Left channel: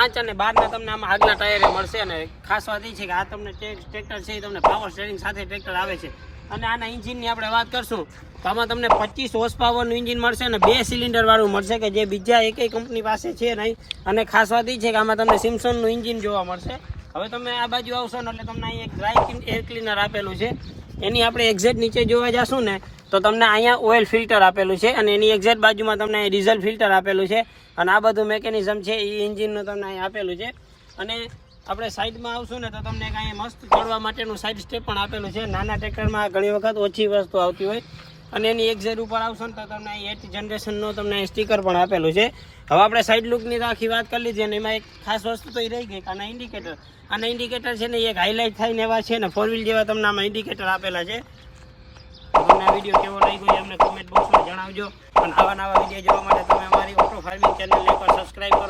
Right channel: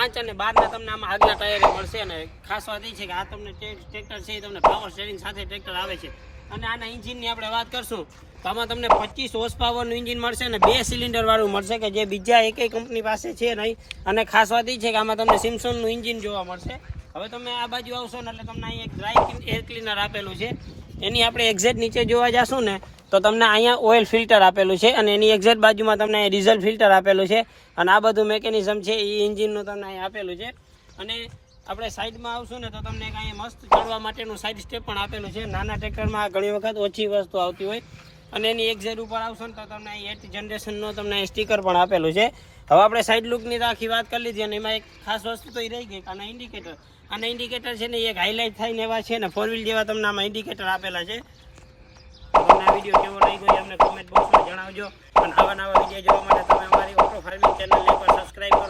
5 અને 12 તમને આમાં આગલા ટાયરે મળશે. અને ખાસ વાત એ છે કે આ તમને ટ્રેક્ટર છે એ તમને પાવર સ્ટેરિંગ સાથે ટ્રેક્ટર આવે છે. અને આના એન્જિનની આપણે વાત કરશું તો આમાં તમને 25 હોર્સ પાવરનું એન્જિન મળશે અને 2 સિલિન્ડર વાળું મળશે કે જે બીજા એકેય કંપની પાસે છે નહીં. અને ખાસ વાત એ છે કે આમાં તમને સિમ્સનનું એન્જિન જોવા મળશે. હવે તમે આ બાજુ આવશો ને એટલે તમને અહીં એક ડ્રાય એર ક્લીનર આપેલું છે. એની આપણે એક્ઝેક્ટ નીચે જોવા જશું ને તો તમને અહીંયા ઓઇલ ફિલ્ટર આપેલું છે અને એની એક્ઝેક્ટ બાજુમાં તમને ડીઝલ ફિલ્ટર આપેલું છે. અને આ બધું મેકેનિઝમ છે એ એન્જિનનું તમને અહીં આપેલું છે. અને આપણે સાઈડમાં આવશું ને તો તમને કાંઈ મસ્ત ચડવા માટેનું સાઈડ સ્ટેપ પણ આપેલું છે. નાના ટ્રેક્ટરમાં ઘણી વખત ઓછી વસ્તુ આવતી હોય. અને એની એક્ઝેક્ટ ઉપર આવશો ને તો તમને અહીં 8 જનરેશનનો તમને સ્ટીકર પણ આપેલું છે. હવે આપણે સાઈડ લુકની તો આખી વાત કરી લીધી અને એમાં એક ખાસ વસ્તુ તો એ રહી ગઈ આના ઇન્ડિકેટર. આના ઇન્ડિકેટર છે ને એક હાઇલાઇટ થાય ને એવા છે ને 4 વ્હીલ જેવા તમને આમાં ઇન્ડિકેટર આપેલા છે. તમને આ વિડીયો કેવો લાગ્યો એ અમને કોમેન્ટ બોક્સમાં જણાવજો. અને આવા નવા વિડીયો જોવા માટે તમે અમારી ઓટો ફાર્મિંગ ચેનલને સબસ્ક્રાઈબ કરો.